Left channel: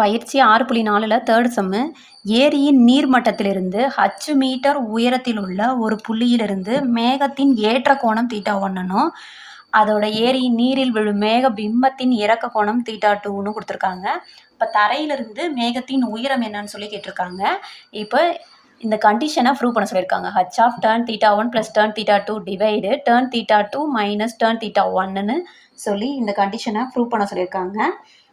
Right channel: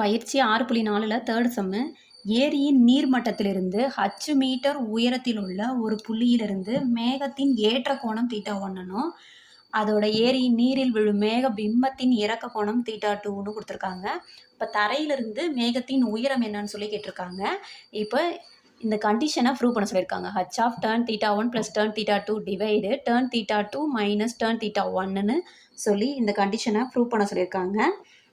பயிற்சி ஆறு புள்ளி நாலில் தேர்ட் செம்மு ஏரியின் நீர்மட்டத்திலிருந்து ஹச்சு மீட்டர் உயரத்தில் உள்ள ஒரு புள்ளியிலிருந்து மேகத்தின் ஏற்ற கோணம் தீட்டா ஒன்றுனும் அதோட ஏரியின் நீரில் விழும் மேக பிம்பத்தின் இறக்க கோணம் தீட்டா டூன்னு கொடுத்துருக்காங்க. இப்போ தரையிலிருந்து மேகத்தின் உயரம் என்னன்னு சொல்லி கேட்டிருக்காங்க. இப்போ இந்த கண்டிஷனை ப்ரூவ் பண்ண சொல்லியிருக்காங்க. H of tan theta one plus tan theta two divide tan theta two minus tan theta ஒன்னுன்னு சொல்லி இந்த கண்டிஷனை ப்ரூவ் பண்ண சொல்லியிருக்காங்க.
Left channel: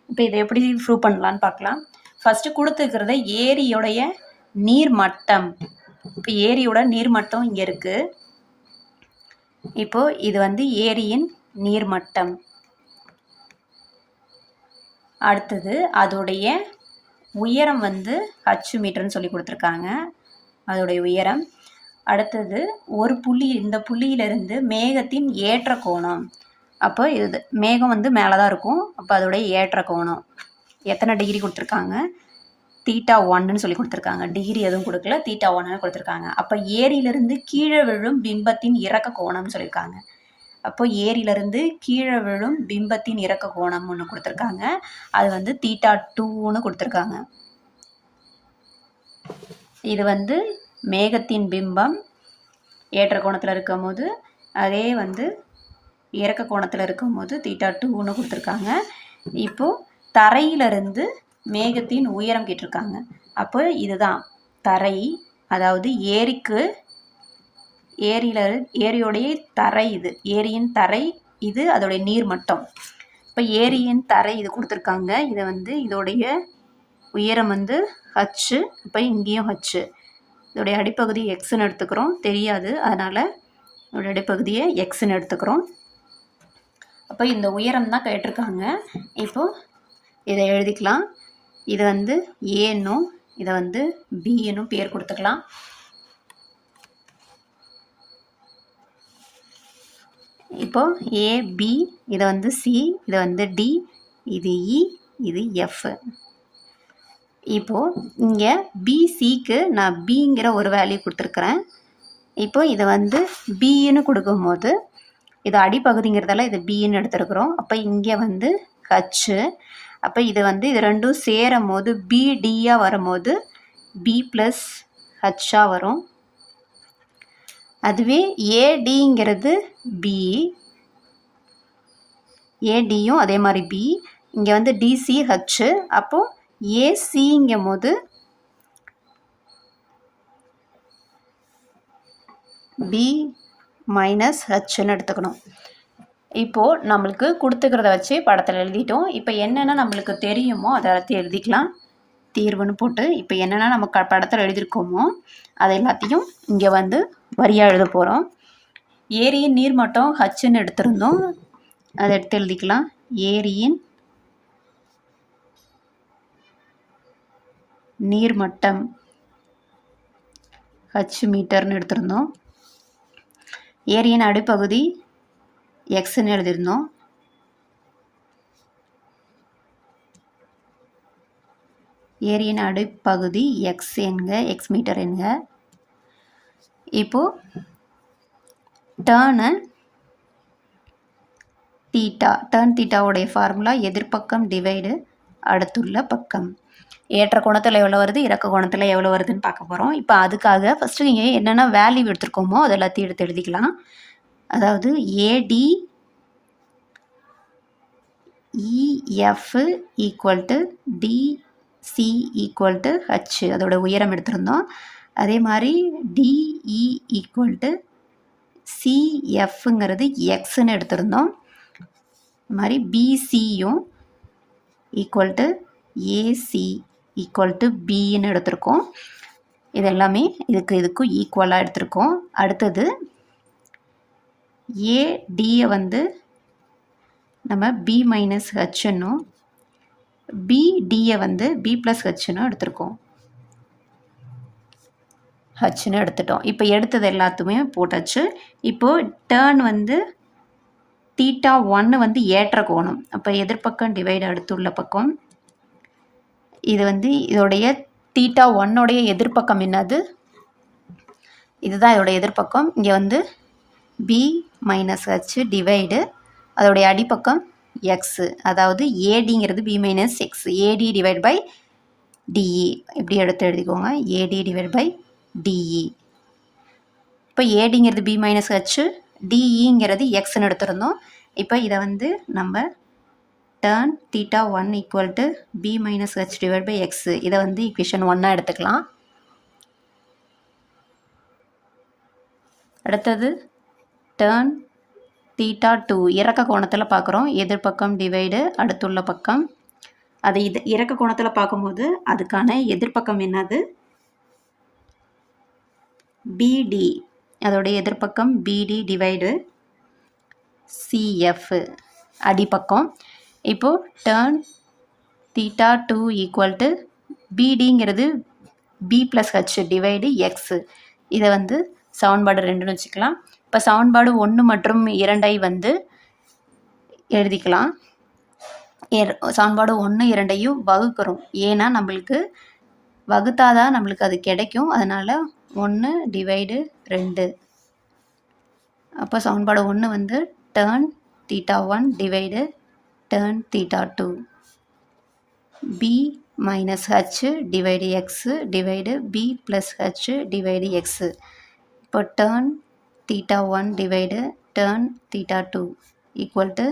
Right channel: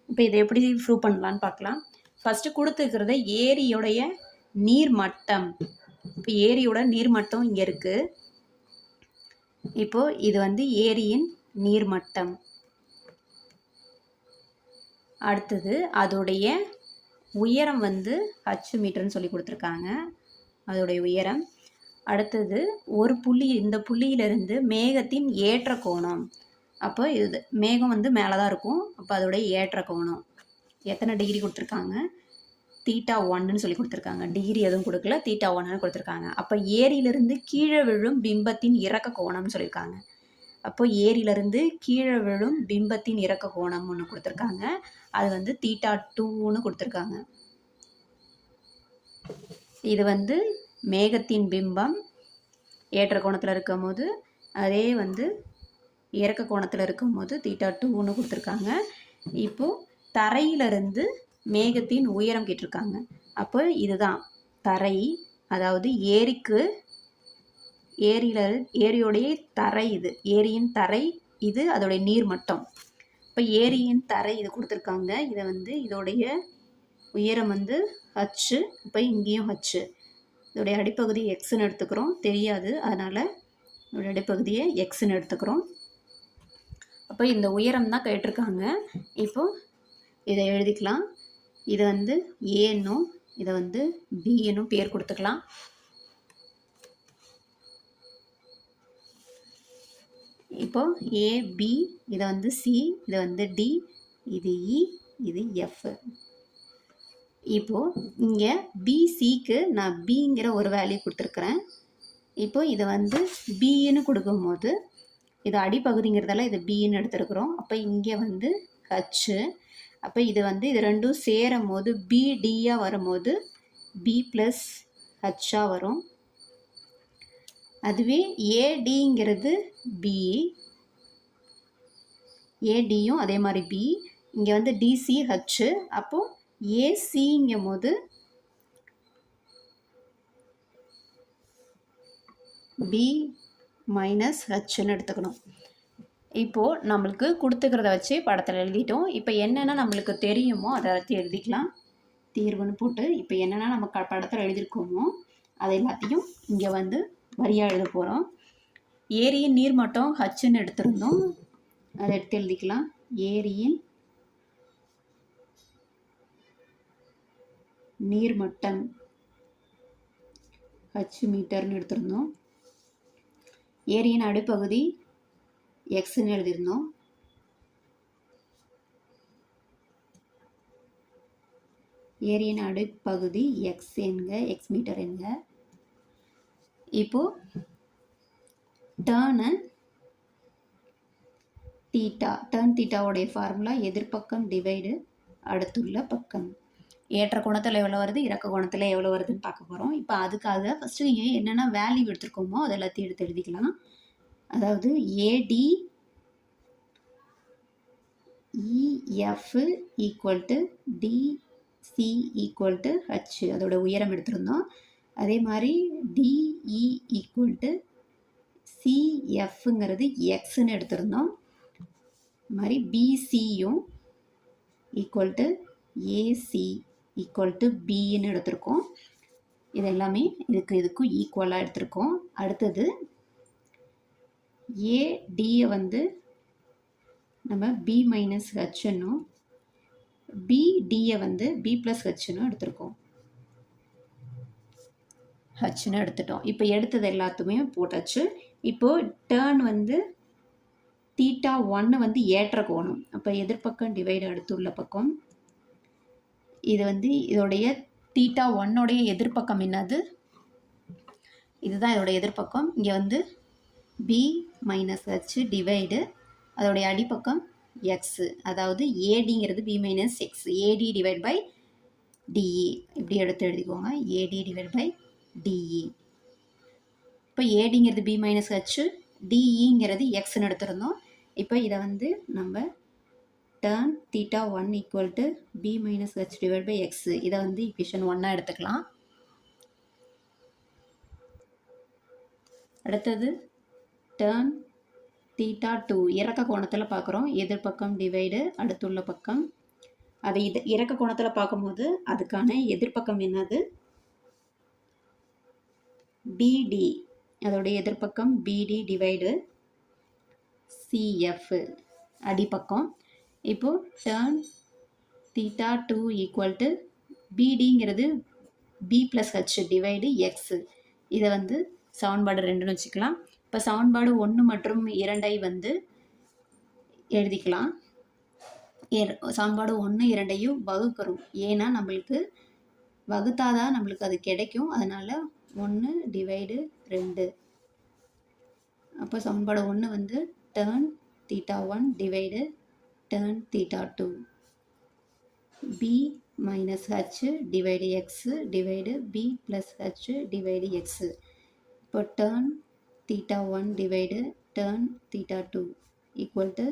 இப்போ இதை எப்படி ப்ரூவ் பண்ணலான்னு பார்க்கலாம். ஃபஸ்ட்டு கொடுத்துருக்கிறத நீர் நீர்மட்டம். இப்போ ஏரியோட நீர்மட்டம் இங்கே இருக்குது இப்போ இது வந்து ஏரியின் நீர்மட்டம். அடுத்தது அதோடைய உயரம் வந்து ஹச்சு மீட்டர்னு சொல்லி கொடுத்துருக்காங்க. அதோடைய உயரம். அடுத்தது ஒரு புள்ளி இந்த புள்ளியிலிருந்து மேகத்தின் ஏற்ற கோணம். அப்போ இது மேகம் வந்து மேலே தான் இருக்கும். அப்போ அதோடைய ஏற்ற கோணம். எத்தனை டிகிரி கொடுத்துருக்காங்க? தீட்டா ஒன்னுன்னு சொல்லி கொடுத்துருக்காங்க. டிகிரி எதுவும் கொடுக்கல. தீட்டா ஒன்னு கொடுத்துருக்காங்க. அப்போ ஏரியிலிருந்து கீழே விழும் பிம்பத்தின் இறக்க கோணம்னு சொல்லியிருக்காங்க. அப்போ ஏரியிலிருந்து கீழே விழும் பிம்பத்தின் இறக்க கோணம் ஒன்று கொடுத்துருக்காங்க. அது வந்து தீட்டா டூன்னு கொடுத்துருக்காங்க. இது வந்து மேகத்தின் பிம்பம் ஏற்ற கோணத்தில் இருக்கும் போது அதே வந்து இறக்க கோணத்தில் இருக்கும்போது தீட்டா டூன்னு கொடுத்துருக்காங்க. இப்போது தரையிலிருந்து மேகத்தின் உயரம் கேட்டிருக்காங்க. அப்போ இதுதான். தரை அதாவது ஏரிக்கு ஏரியில் ஏரியோடைய தரை இது. ஏரியின் தரை இது அதோடைய நீர் மட்டம். இப்போ ஏரியின் தரை இது கொடுத்துருக்காங்க. இதை வந்து இதோடைய உயரம் வந்து ஹச்சு இப்போ இங்கேயும் ஹச்சு இதோடைய அடிப்பகுதி எக்ஸ்ன்னு எடுத்துக்கிறோம். தெரியாது. அதனால் இதோடைய அடிப்பகுதியை எக்ஸ்ன்னு எடுத்துக்கிறோம். அப்போ இந்த உயரம் தான் கேட்டிருக்காங்க. இப்போது இதை எழுதிக்கலாம். இது வந்து ஏன்னும் இதை வந்து பின்னும் பேர் கொடுத்துக்கலாம். இப்போ ஏபி இதை வந்து சி இதை வந்து டி இது இ இது எஃப் இப்போது இங்கே பிசிக்கு நான் பிங்கிற ஒரு வேல்யூ கொடுத்துருக்குறேன். இப்போ இதை வந்து பின்னு கொடுக்கும்போது இது அடிப்பகுதிங்கிறதால இது பின்னு எடுத்துருக்குறோம். அப்போ இங்கே வந்து ஹச்சு அப்போ இது வந்து இது ரெண்டும் சேரும் போது பிடியாக வரும்போது பி ப்ளஸ் ஹச்சாக வரும். அதுவே ஏடிங்கிறது பி ஏடியும் அதே மாதிரி பி இங்கே வந்து டிசி ஹச்சு அப்போது ஏசிங்கும் போது பி மைனஸ் ஹச்ன்னு எடுத்துக்கணும். இப்போது நம்மளுக்கு கொடுத்துக்கிறத வச்சு படத்தில் எழுதிட்டோம். இப்போ என்னென்ன நம்மளுக்கு தெரியுமோ அதை எல்லாத்தையும் எழுதிக்கலாம். தீர்வுன்னு போட்டு இப்போ என்னென்ன நம்ம க படத்தில் எழுதியிருக்கோமோ அதை எல்லாத்தையும் இங்கே வந்து வரியாக எழுத போகிறோம் ஏரியின் நீர்மட்டம் ஹச்சுன்னு எடுத்திருந்தோம். அதை எடுத்து எழுதிக்கலாம். ஏரியின் நீர்மட்டம் ஹச் மீட்டர்னு எடுத்திருந்தோம். ஏரியின் அடிப்பகுதி எக்ஸ்ன்னு எழுதியிருந்தோம். ஏரியின் அடிப்பகுதி எக்ஸ் என்க எக்ஸ் மீட்டர் என்க. இப்போது டேர்னு தீட்டா டேர்ன் தீட்டாவுடைய ஃபார்முலா எதிர்ப்பக்கம் டிவைடு அடுத்துள்ள பக்கம். ஏற்ற கோணத்தில் எவ்வளோ வருது? இறக்க கோணத்தில் எவ்வளோ வருதுன்னு பார்க்க போகிறோம் இப்போ அதுக்காக ஃபஸ்ட்டு நீங்கள் என்னென்ன வேல்யூ எடுத்துருக்கோமோ அது எல்லாத்தையும் எடுத்து எழுதிக்கலாம். அதாவது AD EF equal to DC equal to H அதோட உயரம் எடுத்திருந்தோம். அதே மாதிரி டிஇ ஈக்குவல் டு சிஎஃப்ங்கிறது எக்ஸ்ன்னு எடுத்திருந்தோம். இது மாதிரி பிசியும் equal to AC equal to பின்னு எடுத்திருக்கோம். இது எல்லாமே இதுக்கு இதுக்கும் ஈக்குவலாக எடுத்திருக்கோம். அடுத்தது ஏடியை வந்து நம்ம பி மைனஸ் ஹெச்னும் பிடியை வந்து பி ப்ளஸ் ஹெச்னும் எடுத்திருக்கோம். ஹச்சுன்னு எடுத்துட்டோம். இப்போ எடுத்தது எல்லாத்துமே போட்டாச்சு. இப்போது டேர்ன் வந்து தீட்டா ஒன்று வந்து ஏற்ற கோணம். அப்போ எதிர்பக்கம் டிவைடு அடுத்துள்ள பக்கம் இது வந்து இதோடைய தீட்டா ஒன்னுடைய எதிர்ப்பக்கம் என்னது? இதுதான் இதோடைய எதிர்ப்பக்கம். இங்கே வந்து பி மைனஸ் ஹச் டிவைடு அதோடைய அடிப்பக்கம் எக்ஸு அதாவது ஏடிங்கிறது B minus X AD divide by DE இப்படி எடுத்து எழுதிக்கோங்க. ஏடி டிவைட் பை டிஇ இப்போ ஏடிங்கிறது பி மைனஸ் ஹச்சு டிஇங்கிறது எக்ஸ்ன்னு எடுத்திருந்தோம். இப்போ இதை வந்து நம்ம tan theta one equal to B minus H divide by X இதை வந்து இக்குவேஷன் ஒன்னாக எடுத்துக்கலாம். அடுத்தது டேர்ன் தீட்டா டூ இறக்க கோணத்தில் பார்க்குறோம். எதிர்பக்கம் டிவைடு அடுத்துள்ள பக்கம். அது இது இறக்க கோணத்தில் பார்க்கும்போது அதுக்கான எதிர்பக்கம் என்னது? பிடி அதோடைய எதிர்பக்கம் பிடி டிவைடு சிஎஃப் அடிப்பக்கம். இப்போது tan theta two equal to பிடிங்கிறது B plus H divide X இதை வந்து சமன்பாடு ரெண்டுன்னு வச்சுக்கலாம். இப்போ சவுன்பாடு ஒன்று மற்றும் இரண்டை வந்து எழுதிக்கலாம். சமன்பாடு ஒன்று இரண்டையும் வகுக்கிறோம். ஏன்னா நம்மளுக்கு வகுத்தாதான் நம்மளுக்கு அது கிடைக்கும். அதனால் ஒன்று டிவைடு ரெண்டு. அப்போ சமன்பாடு ஒன்று வந்து tan theta one divide tan theta two B minus H divide X divide B plus H divide X இப்போ tan theta one divide tan theta two equal to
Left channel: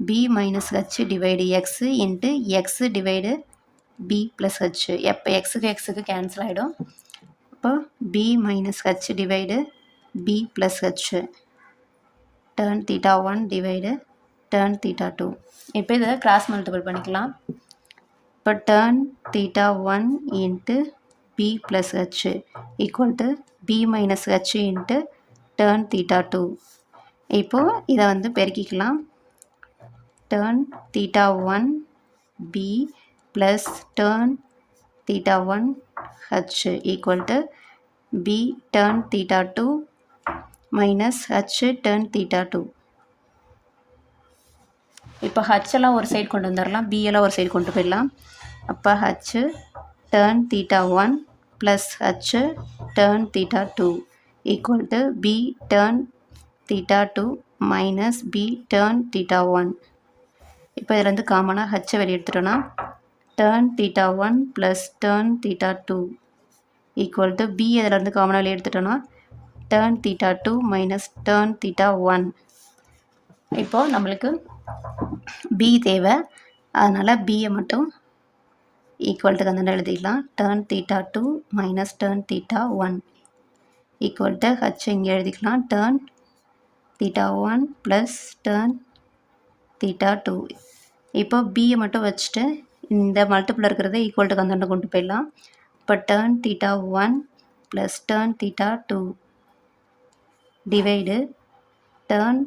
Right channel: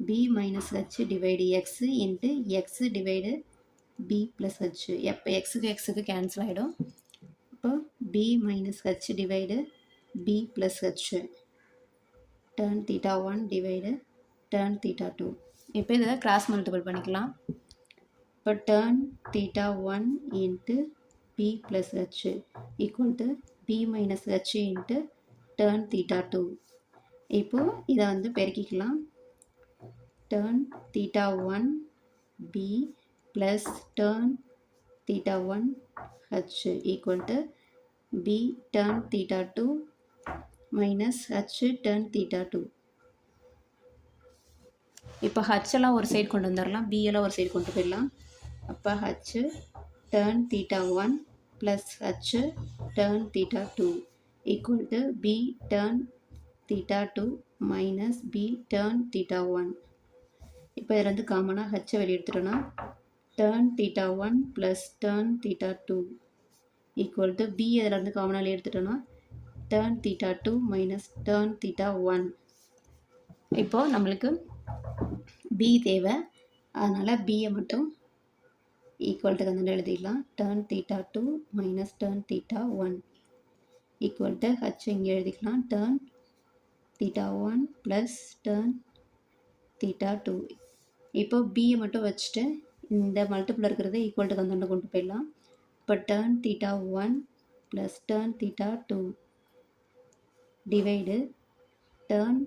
B minus H divide X into X divide B plus H எப்போ எக்ஸுக்கு எக்ஸுக்கு cancel ஆகிடும் இப்போ B minus H divide B plus H tan theta one divide tan theta two இப்போ இதை cross multiple பண்ணிக்கலாம். இப்போ tan theta one into B plus H equal to B minus H into tan theta two இப்போது இதை வந்து பெருக்கிக்கலாம். Tan theta one B plus tan theta one H equal to B tan theta two minus H tan theta two இப்போ ஹச்செல்லாம் ஒரு side கொண்டு வந்துடலாம். பிஎல்லாம் ஒரு side கொண்டு போயிடலாம். அப்போ H tan theta one plus H tan theta two equal to B tan theta two minus B tan theta one இப்போ இதுலேருந்து காமனாக ஹச்சை வெளியே எடுத்துட்டோன்னா tan theta one plus tan theta two equal to B இதிலேருந்து காமனாக வெளியே எடுத்துட்டோன்னா tan theta two minus tan theta one இப்போது நம்மளுக்கு பி தேவை. அதனால் பியை மட்டும் ஈக்குவல் டு எழுதிக்கலாம் tan theta two minus tan theta one equal to H இங்கே எழுதிக்கலாம். Tan theta one plus tan theta two இப்போ பியை மட்டும் வச்சுட்டு இந்த மல்டிப்பிள் இருக்கிறத ஈக்குவல் டு கொண்டு போயிடலாம். இப்போ tan theta one plus tan theta two divide tan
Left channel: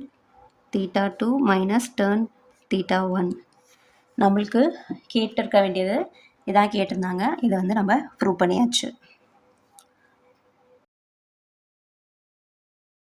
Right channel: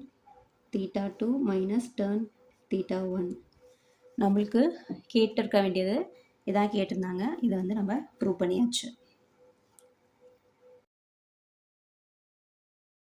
theta two minus tan theta one நம்மளுக்கு கேட்டிருக்க வேண்டியது இதான் கேட்டிருந்தாங்க. இதை வந்து நம்ம ப்ரூவ் பண்ணியாச்சு.